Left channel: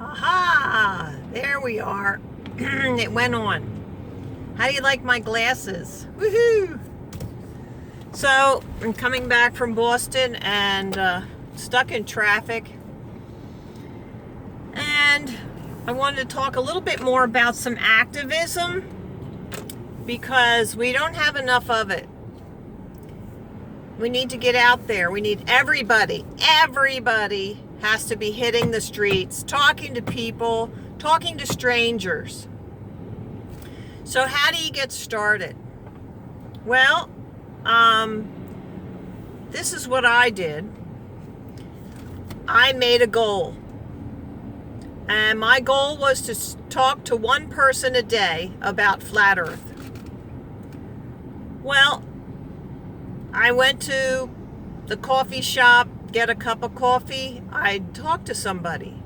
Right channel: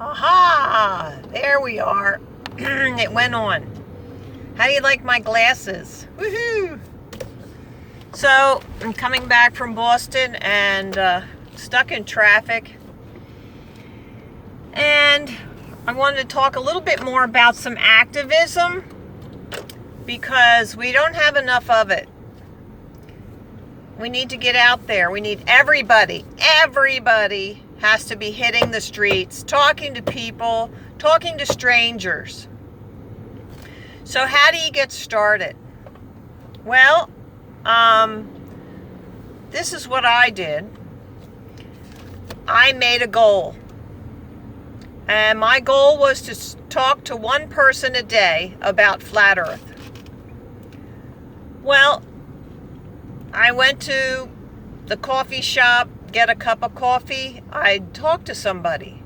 Aha! There we are. It went on. How do you like my glasses? Woohoo! So, I'm coming back from Boston and stuck in traffic. And I wanted to talk a little bit more about some activism because we don't have enough of it. We need to get out there. We need everybody has to be hitting the streets, talking to people, talking to strangers. So how do you get started? Well, this is what I did. I made a goal. And my goal was to talk to one person a day about Flat Earth. Well, I went to the coffee shop, get a cup of coffee. I'd talk to somebody.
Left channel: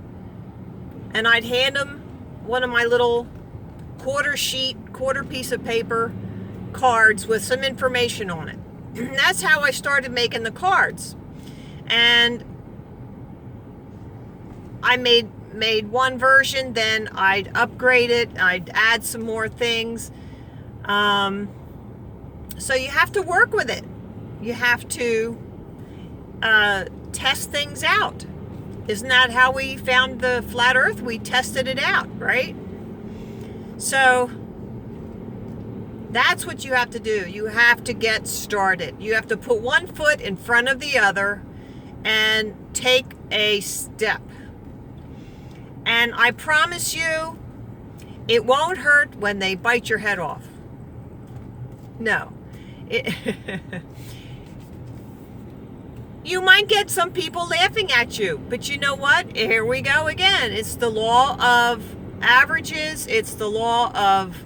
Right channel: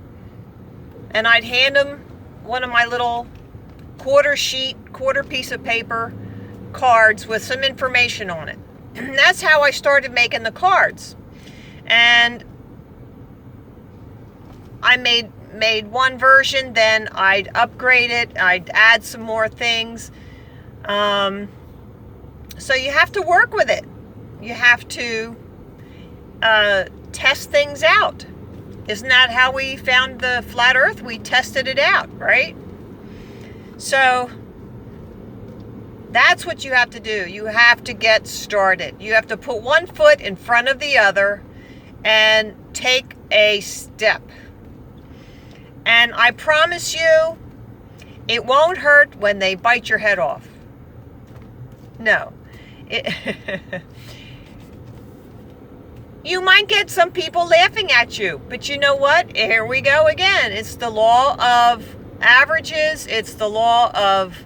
And I'd hand them one of my little quarter piece of paper cards with some information on it. And that's how I started making the cards. And I made one version, then I'd upgrade it, I'd add some more things. So you have to work with it. You have to test things out. Isn't that how we found the flat earth? We tested it out, right? So that's what you have to do. You have to get started. You have to put one foot in front of the other and take a step. And I promise you, it won't hurt when they bite your head off. No. You might get some people laughing at you, but you know what? Here we go again. It's the law of averages. It's the law of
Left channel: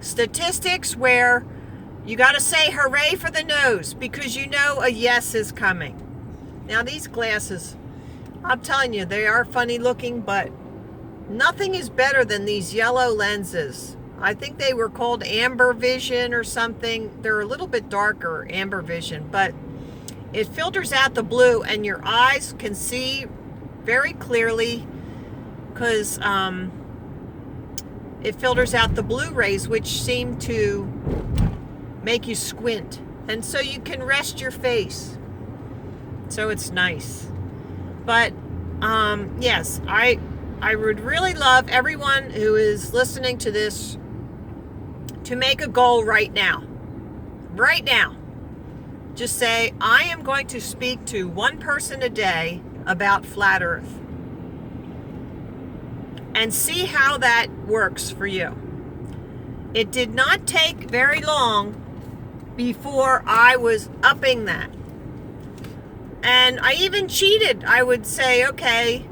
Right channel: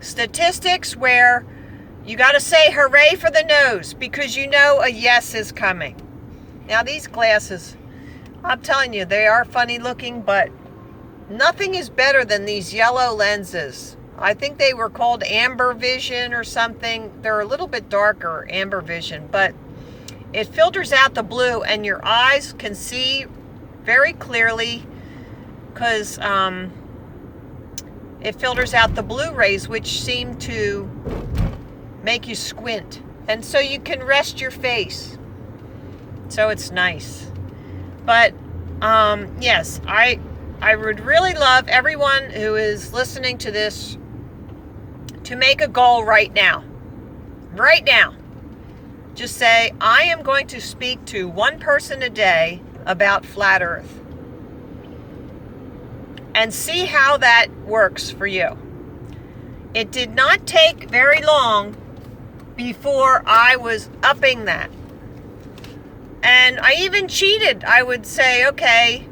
statistics where you got to say hooray for the nose because you know a yes is coming. Now these glasses, I'm telling you, they are funny looking, but nothing is better than these yellow lenses. I think they were called amber vision or something. They're a little bit darker, amber vision, but it filters out the blue and your eyes can see very clearly because it filters out the blue rays, which seem to make you squint. And so you can rest your face. So it's nice. But yes, I would really love everyone who is listening to this to make a goal right now. Right now. Just say, I am going to speak to one person a day about Flat Earth. And see how that works for you. It did not take very long before I was upping that. And I even cheated. I would say, okay,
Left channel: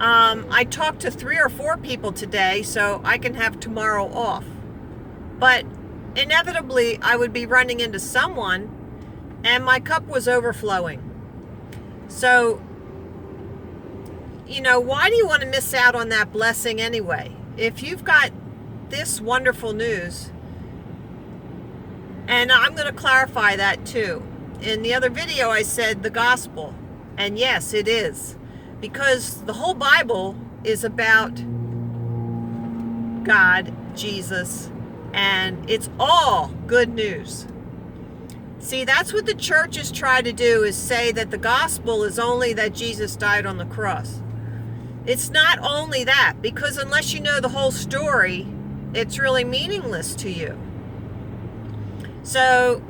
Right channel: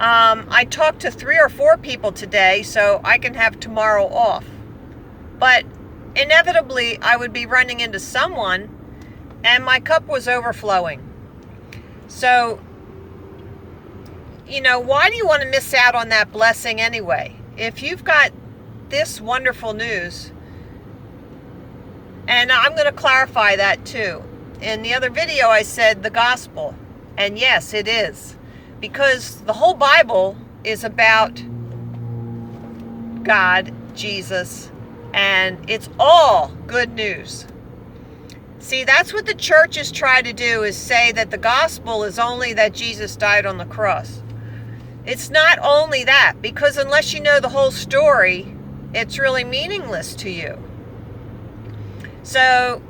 I talked to 3 or 4 people today, so I can have tomorrow off. But inevitably, I would be running into someone, and my cup was overflowing. So, you know, why do you want to miss out on that blessing anyway? If you've got this wonderful news, and I'm going to clarify that too. In the other video, I said the gospel. And yes, it is. Because the whole Bible is about God, Jesus, and it's all good news. See, that's what the churches try to do, is say that the gospel is only that Jesus died on the cross. It's not only that, because unless you know the whole story, it's really meaningless to you. So,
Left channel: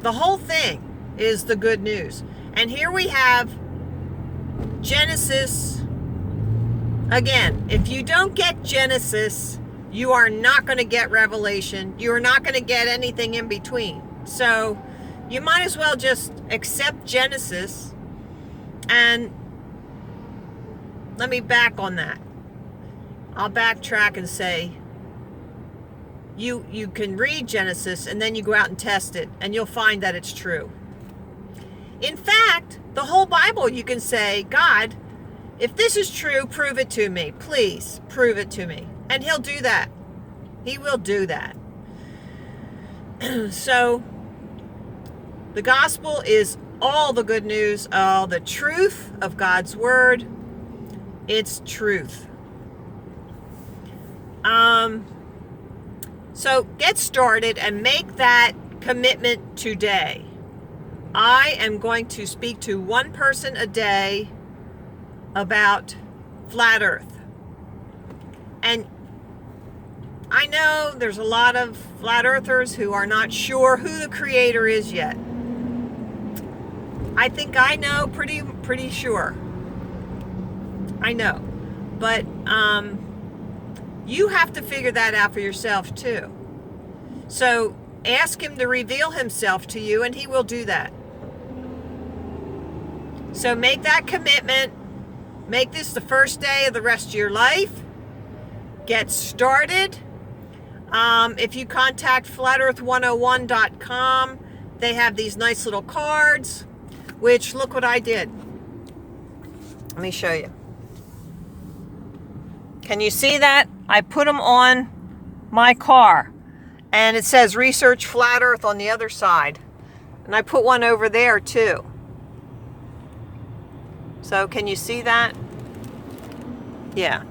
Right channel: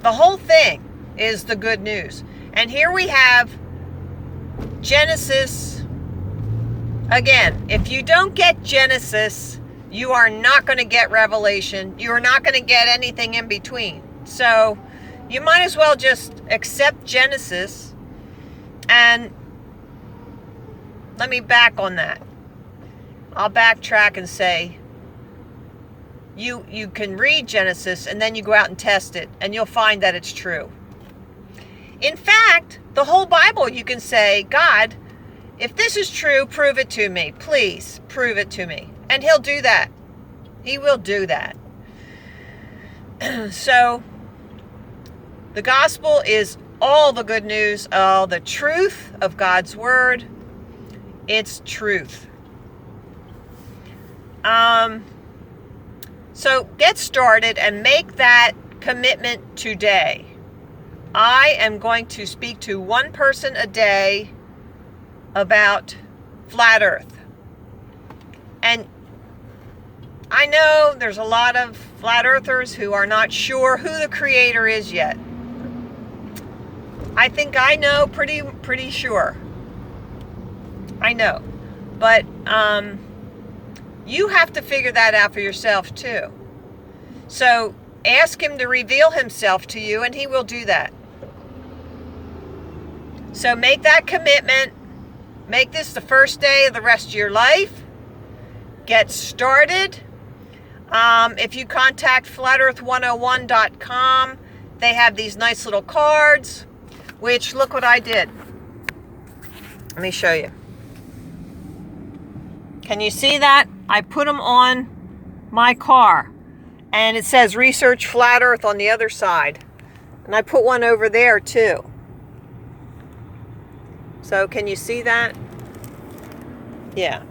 the whole thing is the good news. And here we have Genesis. Again, if you don't get Genesis, you are not going to get Revelation. You are not going to get anything in between. So, you might as well just accept Genesis. And let me back on that. I'll backtrack and say, you can read Genesis and then you go out and test it and you'll find that it's true. In fact, the whole Bible, you can say, God, if this is true, prove it to me. Please, prove it to me. And he'll do that. He will do that. So, the gospel is all the good news, all the truth of God's word. It's truth. So get started and make that commitment today. I am going to speak to one person a day about flat earth. And I know there's a lot of flat earthers who are not sure who the creator is yet. I think I know pretty sure. I know. But you have to figure that out for yourself too. So ask him to reveal himself to you, and he will do that. So make that commitment. Make this the first day of the rest of your life. Get started. If you contact flatearth101.com, they have these nice little cards, which look what I did. Let me show you. Can you see that? I put them on my car, and it says Research Flat Earth on the other side. And I put one over there too. So can you see that? Yeah.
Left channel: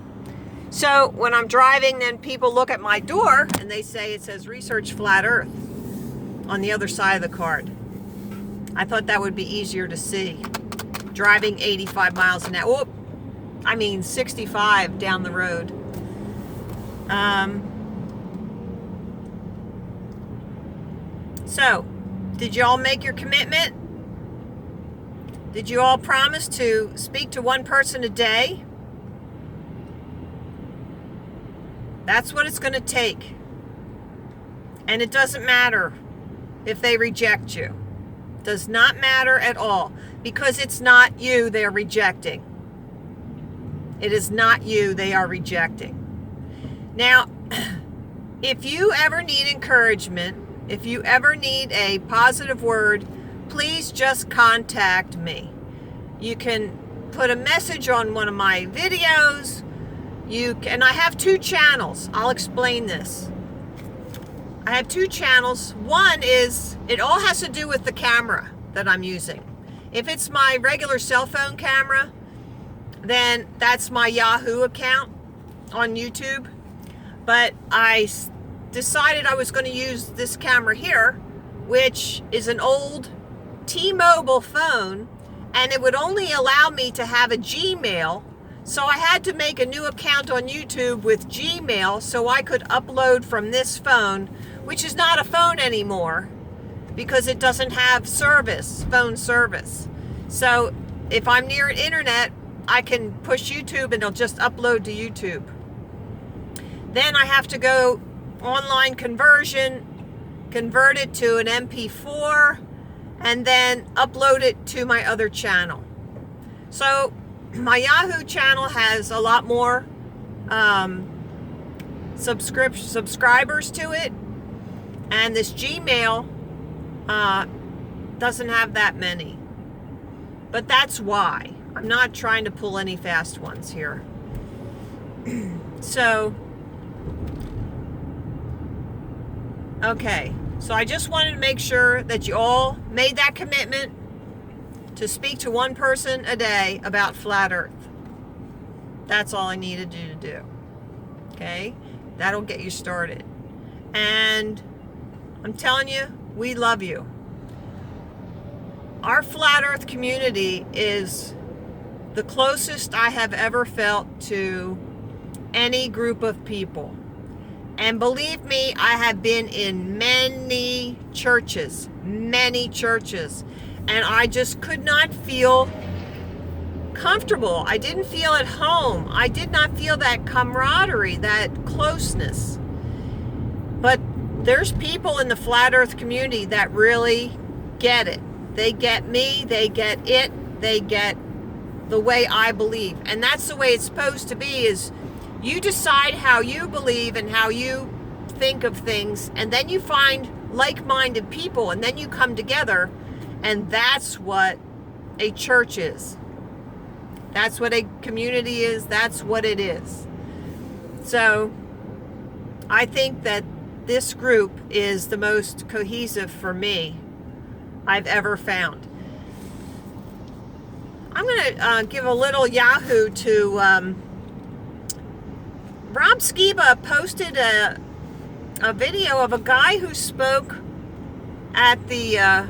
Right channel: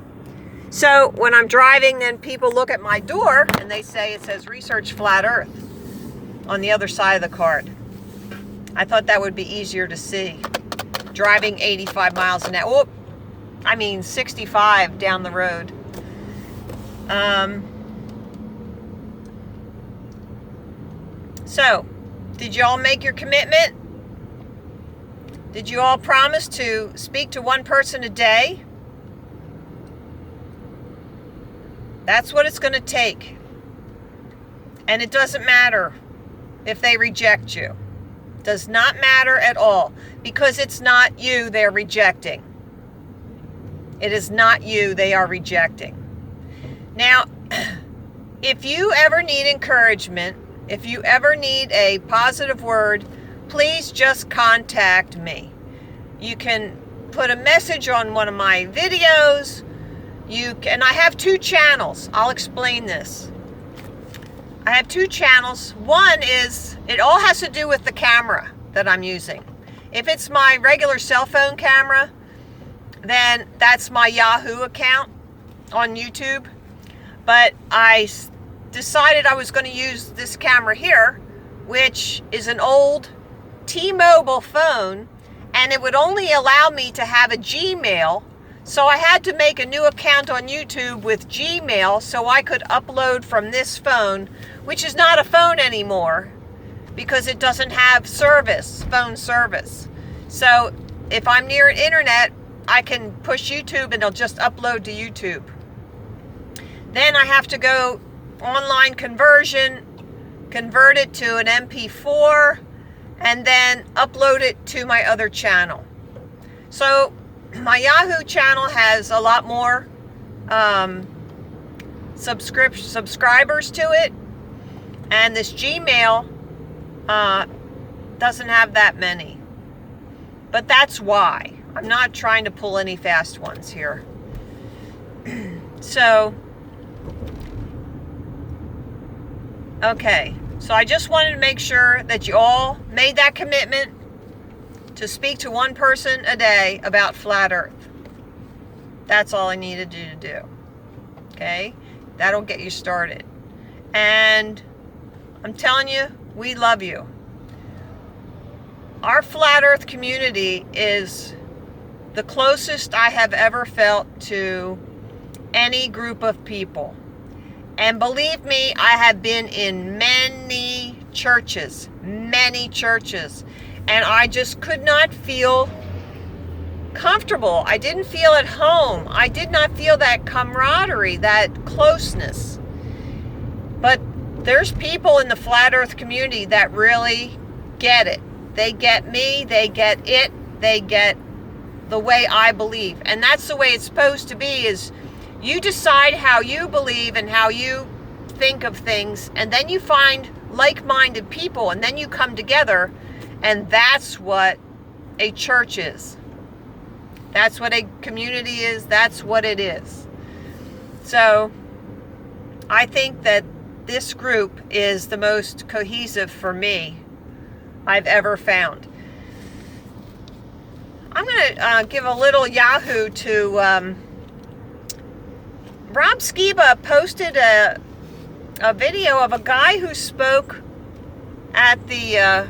So when I'm driving, then people look at my door and they say it says Research Flat Earth on the other side of the card. I thought that would be easier to see. Driving 85 miles an hour. Oh, I mean 65 down the road. So, did you all make your commitment? Did you all promise to speak to one person a day? That's what it's going to take. And it doesn't matter if they reject you. Does not matter at all, because it's not you they're rejecting. It is not you they are rejecting. Now, if you ever need encouragement, if you ever need a positive word, please just contact me. You can put a message on one of my videos. And I have 2 channels. I'll explain this. I have 2 channels. One is, it all has to do with the camera that I'm using. If it's my regular cell phone camera, then that's my Yahoo account on YouTube. But I decided I was going to use this camera here, which is an old T-Mobile phone, and it would only allow me to have a Gmail. So I had to make a new account on YouTube with Gmail so I could upload from this phone, which is not a phone anymore because it doesn't have phone service. So if I'm near an internet, I can push YouTube and it'll just upload to YouTube. Then I have to go online conversion, convert it to an MP4, and then upload it to my other channel. So my Yahoo channel has a lot more subscribers to it, and this Gmail doesn't have that many. But that's why. I'm not trying to pull any fast ones here. So, okay. So I just wanted to make sure that you all made that commitment to speak to one person a day about flat earth. That's all I needed you to do. Okay? That'll get you started. And I'm telling you, we love you. Our flat earth community is the closest I have ever felt to any group of people. And believe me, I have been in many churches, and I just could not feel comfortable. I didn't feel at home. I did not feel that camaraderie, that closeness. But there's people in the flat earth community that really get it. They get me, they get it, they get the way I believe. And that's the way it's supposed to be, is you decide how you believe and how you think of things, and then you find like-minded people, and then you come together, and that's what a church is. That's what a community is. That's what it is. So I think that this group is the most cohesive for me I've ever found. I'm going to give a little Yahoo to Rob Skiba posted a video of a guy who spoke at the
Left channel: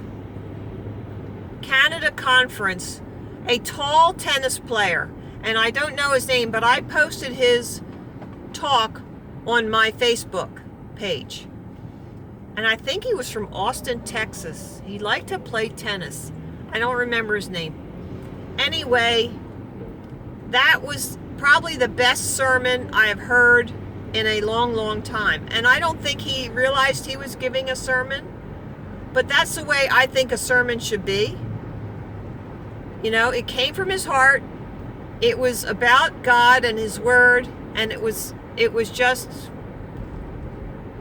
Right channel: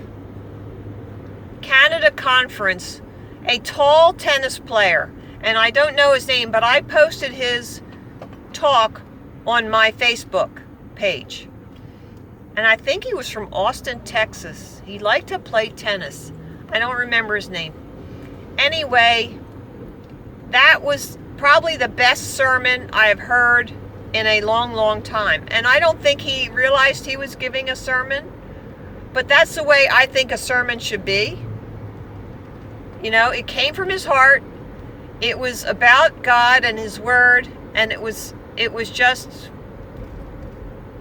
Canada conference, a tall tennis player. And I don't know his name, but I posted his talk on my Facebook page. And I think he was from Austin, Texas. He liked to play tennis. I don't remember his name. Anyway, that was probably the best sermon I have heard in a long, long time. And I don't think he realized he was giving a sermon, but that's the way I think a sermon should be. You know, it came from his heart. It was about God and his word, and it was just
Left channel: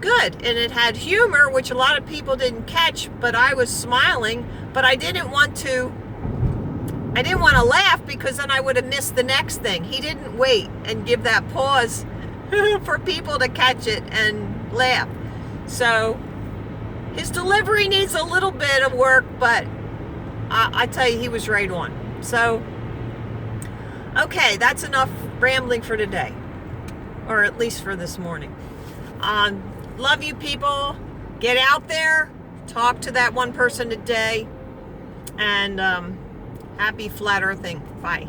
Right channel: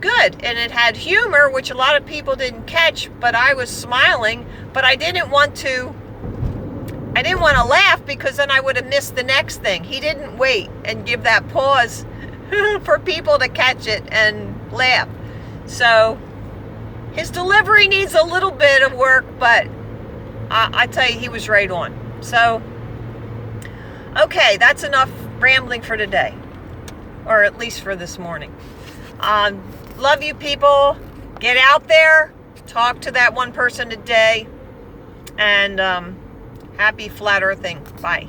good. And it had humor, which a lot of people didn't catch, but I was smiling, but I didn't want to laugh because then I would have missed the next thing. He didn't wait and give that pause for people to catch it and laugh. So his delivery needs a little bit of work, but I tell you, he was right on. So, okay, that's enough rambling for today, or at least for this morning. Love you people. Get out there, talk to that one person a day, and happy flat earthing. Bye.